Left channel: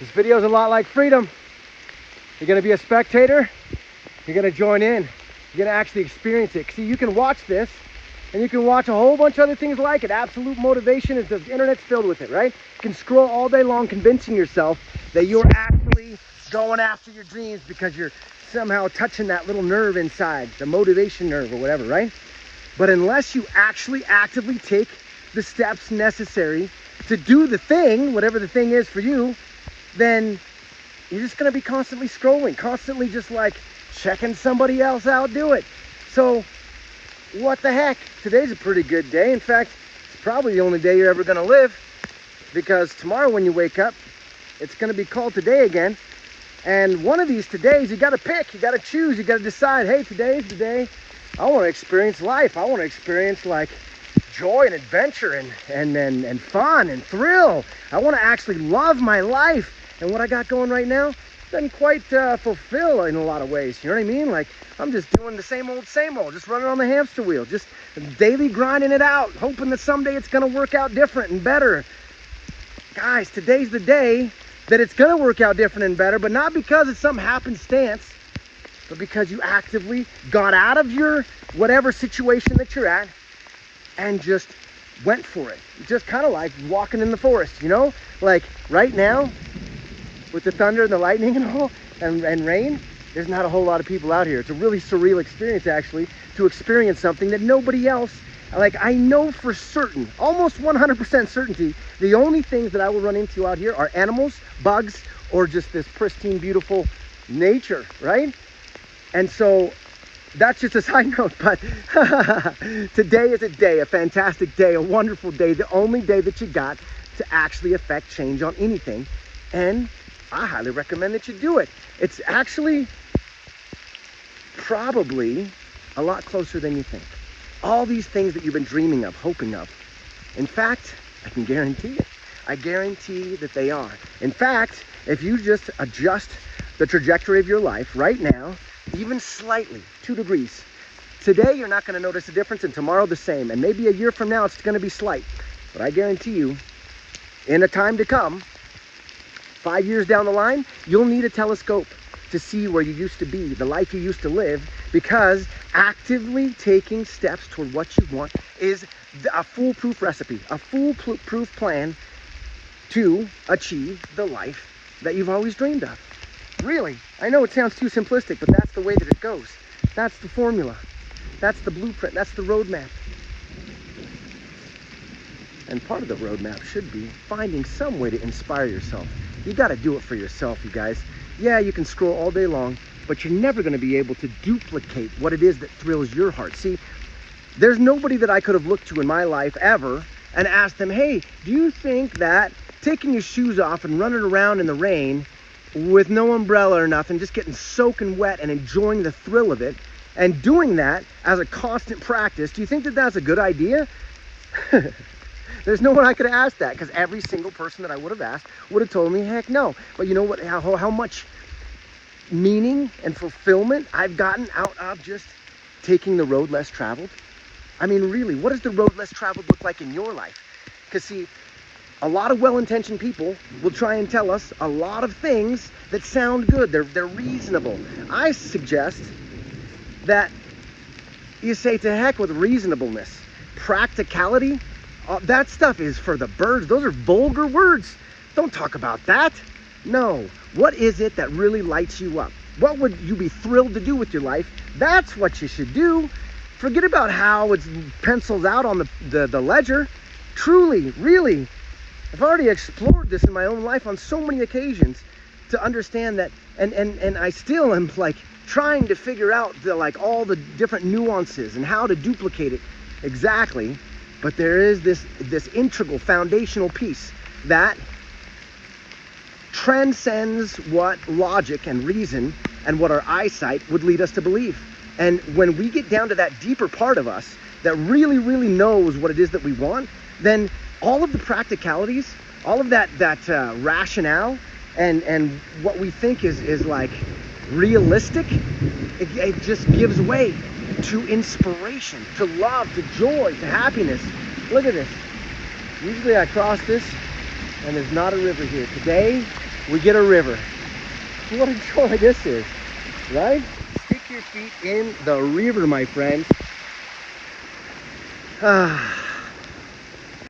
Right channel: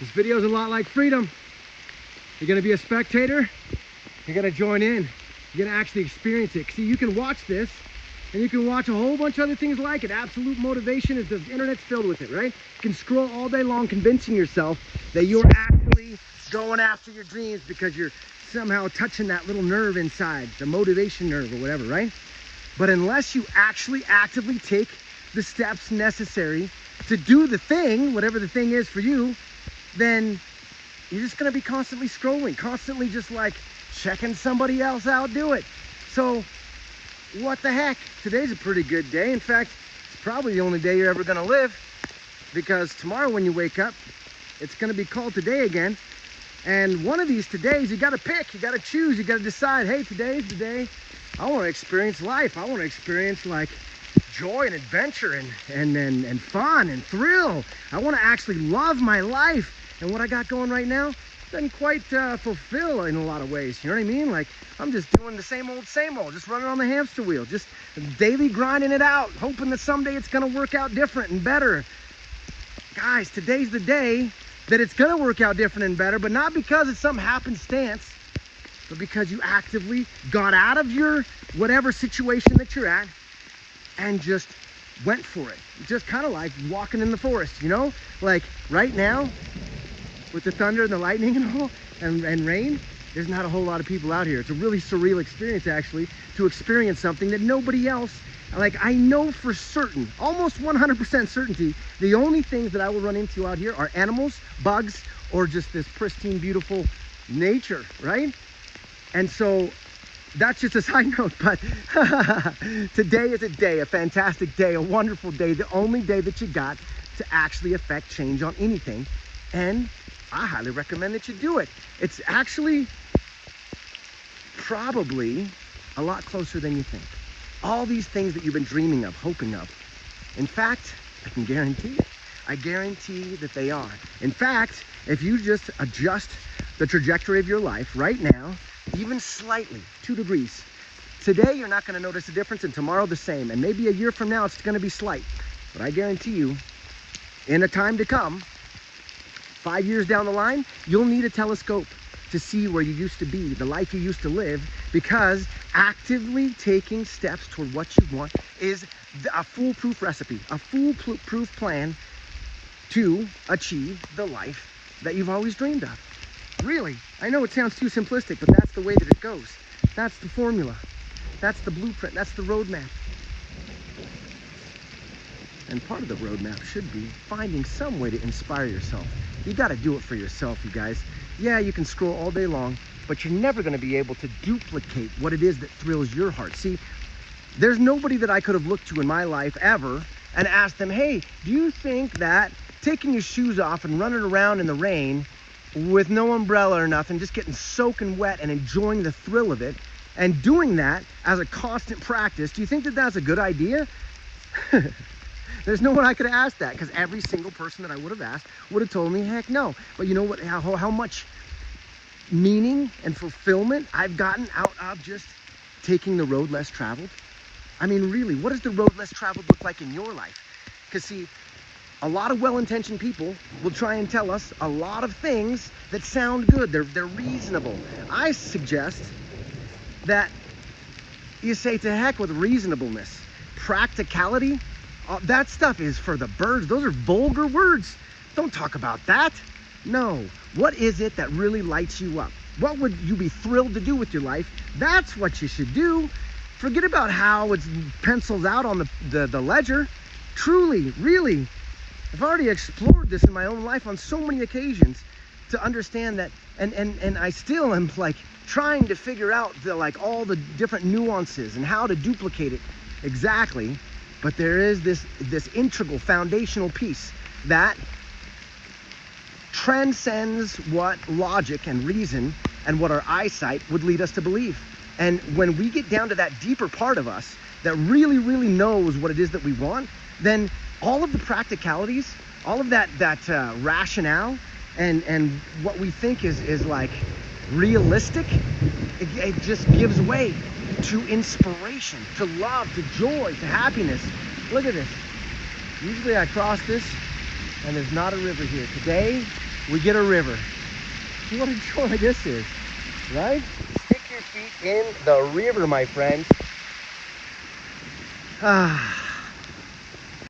This video is a lot like freedom. You're gonna be a spectator, you're gonna join in, you're gonna actually experience it. See, you can watch this, and you can watch a whole bunch of other things like it. Absolute motivation, is the internet's filled with it, right? You can scroll all day long convincing yourself that you're actually going after your dreams because you're somehow touching that little nerve inside, the motivation nerve or whatever, right? But unless you actually actively take the steps necessary to do the thing, whatever the thing is for you, then you're just gonna be constantly scrolling, constantly just like checking somebody else out do it. So what the heck? Today's a pretty good day. In fact, it's probably the only day you're ever gonna live, because tomorrow when you wake up, it's gonna be called today again. And one of these todays, you gotta pick, you gotta choose, you gotta decide, hey, today's the day I wanna experience life. I wanna experience like joy and adventure and fun and thrill. I wanna actually love my life. And what I got going right now doesn't quite fulfill in a lot of ways. You know what I mean? Like, I'm just doing the same old, just running on the hamster wheel, just daily grinding it out, hoping that someday it's gonna work out different and better. Guys, today's the day that it's gonna work out different and better, but not because it's some happenstance, but because you actively got out of your whatever situation that you're at and just went for it. Just kind of like walking in the forest, you know? Like right now, with the thunder and the lightning and all, and rain, there's not a whole lot of people out here. It's a really surreal experience, actually, to experience something that nobody else, like, I know for certain, almost 100% certainty, the only things that I will run into out here are animals, bugs, or just this pristine, beautiful nature, right? And so that's just a side note, but today is a day, a fantastic day, a wonderful day, the only day that you got to actually affect change on anything. And I highly recommend that you do it. It's actually probably a lot closer than you think. All these things that you've been dreaming of, hoping of. In fact, I can guarantee it. I guarantee that they are. In fact, if you just adjust the trajectory of your life right now, even slightly, 2 degrees, today you're not gonna notice a difference, and tomorrow the same. And maybe a year from now, it's gonna be slight. But I guarantee you, in a time to come, 5 years down the line, you'll need a telescope to see where you used to be, the life you used to live, because actively taking steps toward what you want is a foolproof recipe, a foolproof plan to achieve the life that you've always dreamed of. Really, I know it sounds too simplistic, but that's the way that it goes. That's the formula. That's the blueprint. That's the roadmap. And part of the roadmap should be finding some way to inspire yourself. You got to do it for yourself, you guys. Yeah, you can scroll all day long, but you're never going to be able to duplicate what it is that thrills your heart. See, there's nobody that I could have looked to in my life ever and asked them, hey, do you think that taking your shoes off and running around in the rain with no umbrella or nothing, just getting soaking wet and enjoying the thrill of it, and doing that as a constant practice, do you think that that's a good idea? There's no one I could have asked that, because every single person that I would have asked would have told me, heck no. But you know what? How much meaning and fulfillment I've gotten out of just taking the road less traveled? I mean, really, what does the road less traveled look like in your life? Because see, a lot of well-intentioned people will try and tell us a lot of things that sound good. They're reasonable. I suggest that you say to heck with reasonableness. Practicality, that stuff is for the birds. Those are vulgar words. Don't talk about that. No. What is it that really lights you up? What would you be thrilled to do with your life? That's what you should do. Forget about how it's penciled out on the ledger. Truly, really, I've already explored this in my own life on so many occasions to understand that, and I still am like trying to figure out all the different nuances and how to duplicate it exactly. But there is this integral foundational piece that transcends what logic and reason and what our eyesight would lead us to believe. And when we get down to that deeper part of us that really, really knows what it is that we want, then all of the practicalities, all of that rationale and what we think is like realistic, it just gives way to inspiration, to love, to joy, to happiness. Look at this. Usually I cross this and there's not a river here. Today we get a river. See what a joy this is, right? Stick your feet in the river, my friends. Ah.